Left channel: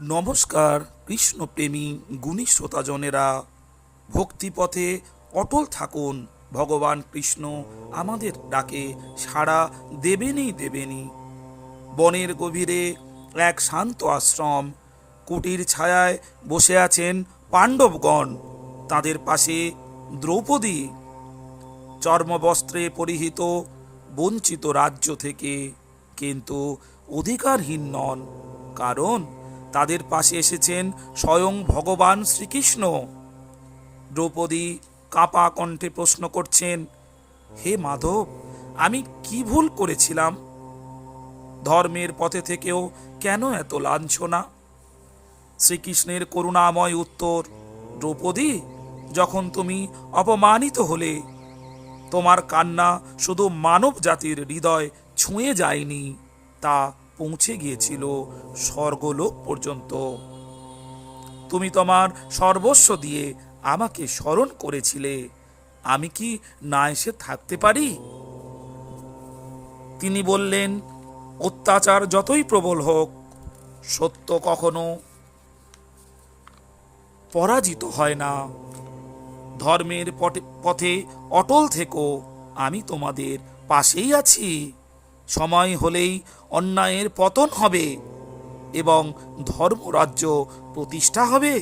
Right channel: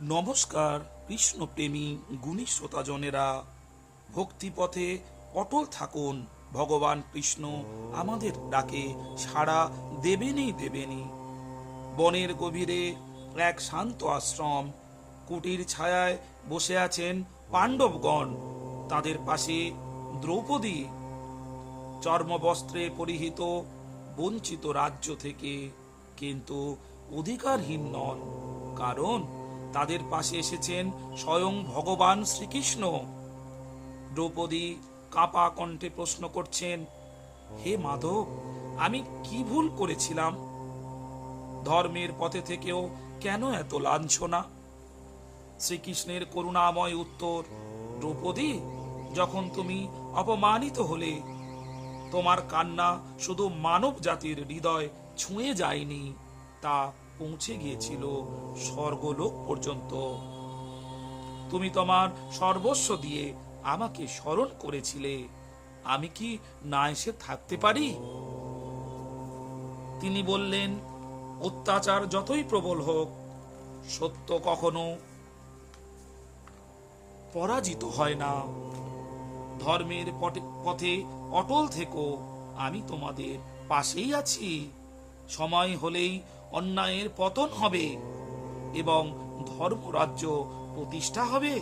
নমস্কার কৃষ্ণপ্রেমী গুণী শ্রোতাজনেরা, ভক্তিপথে অটল থাকুন। ভগবান কৃষ্ণ আমাদের ডাকে সাড়া দেবেনই। বনের গভীরে এক শান্ত আশ্রম, কুটির ছায়ায় বসে আছেন পাণ্ডবগণ। তাদের পাশে দ্রৌপদী, চর্মবস্ত্রে পরিহিত, বঞ্চিত রাজ্য থেকে, কিন্তু অধিকারহীন নন, কারণ তাদের পাশে এসেছেন স্বয়ং ভগবান শ্রীকৃষ্ণ। দ্রৌপদী কাঁপা কণ্ঠে প্রশ্ন করছেন, হে মাধব, আমি কি ভুল করেছিলাম? ধর্মের পথে থেকেও কেন এত লাঞ্ছনা? শ্রীকৃষ্ণের করুণাময় উত্তর, দ্রৌপদী, যখন তুমি অপমানিত হলে, তোমার কান্না শুধু মানব জাতির হৃদয় ছুঁয়ে যায়নি, তা পৌঁছে গিয়েছিল স্বর্গলোক পর্যন্ত। তুমি তোমার সর্বস্ব দিয়ে আমাকে স্মরণ করেছিলে, আমি কি না এসে থাকতে পারি? তিনি বললেন, অত্যাচার যতই প্রবল হোক, সত্য কখনো পরাজিত হয় না। ধর্মের পথে অটল থেকো, আমি তোমাদের পাশেই আছি। সময় হলেই অন্যায়ের পতন হবে এবং ধর্মরাজ্য প্রতিষ্ঠা হবে।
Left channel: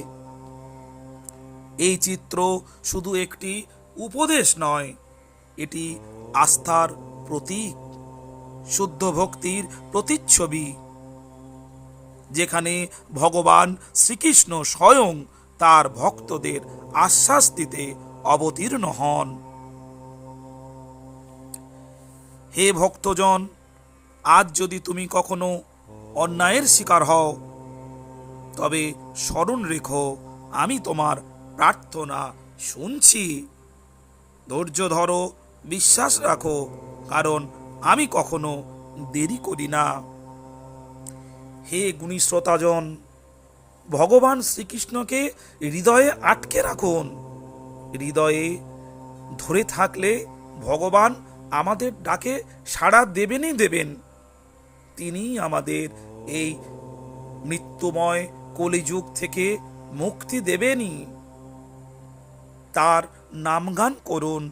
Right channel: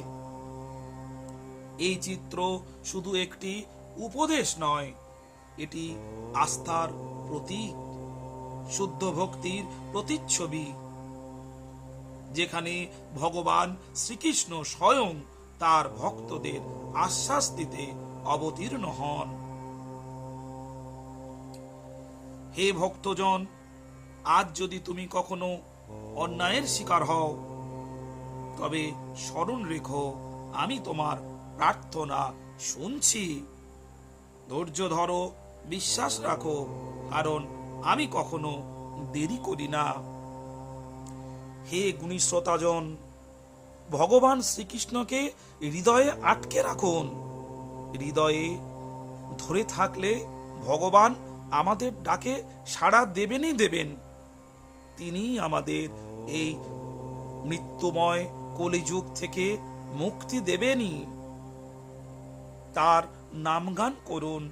এই চিত্র শুধু একটি উপদেশ নয়, এটি আস্থার প্রতীক, শুদ্ধ ভক্তির প্রতিচ্ছবি, যেখানে ভগবান শ্রীকৃষ্ণ স্বয়ং তার ভক্তদের আশ্বাস দিতে অবতীর্ণ হন। হে ভক্তজন, আজ যদি তুমি কখনো অন্যায়ের শিকার হও, তবে স্মরণ রেখো, আমি তোমার প্রার্থনা শুনছি। ধৈর্য ধরো, বিশ্বাস রাখো, কারণ আমি কখনো দেরি করি না। হে গুণী শ্রোতাজন, ভগবান শ্রীকৃষ্ণকে হৃদয়ে আটকে রাখুন। হৃদয়ে ধরে থাকলে ভগবান আমাদের ডাকে সাড়া দেবেন। তিনি আমাদের এই মৃত্যুময় কলিযুগ থেকে মুক্তি দেবেনই। তার নামগান করুন,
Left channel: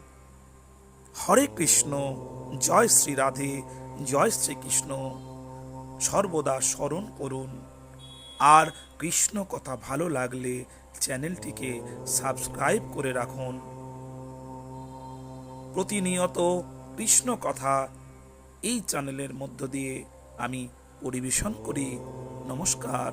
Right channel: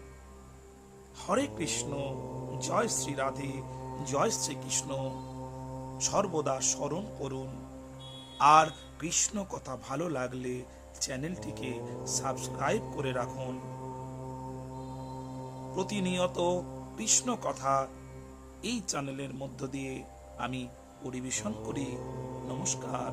হরে কৃষ্ণ, জয় শ্রী রাধে, জয় শ্রীকৃষ্ণ, সর্বদা স্মরণ করুন। আর কৃষ্ণ কথা ভালো লাগলে চ্যানেলটিকে সাবস্ক্রাইব করে রাখুন। প্রতিনিয়ত কৃষ্ণ কথা এই চ্যানেলের মধ্য দিয়ে আমি পরিবেশন করি। নমস্কার।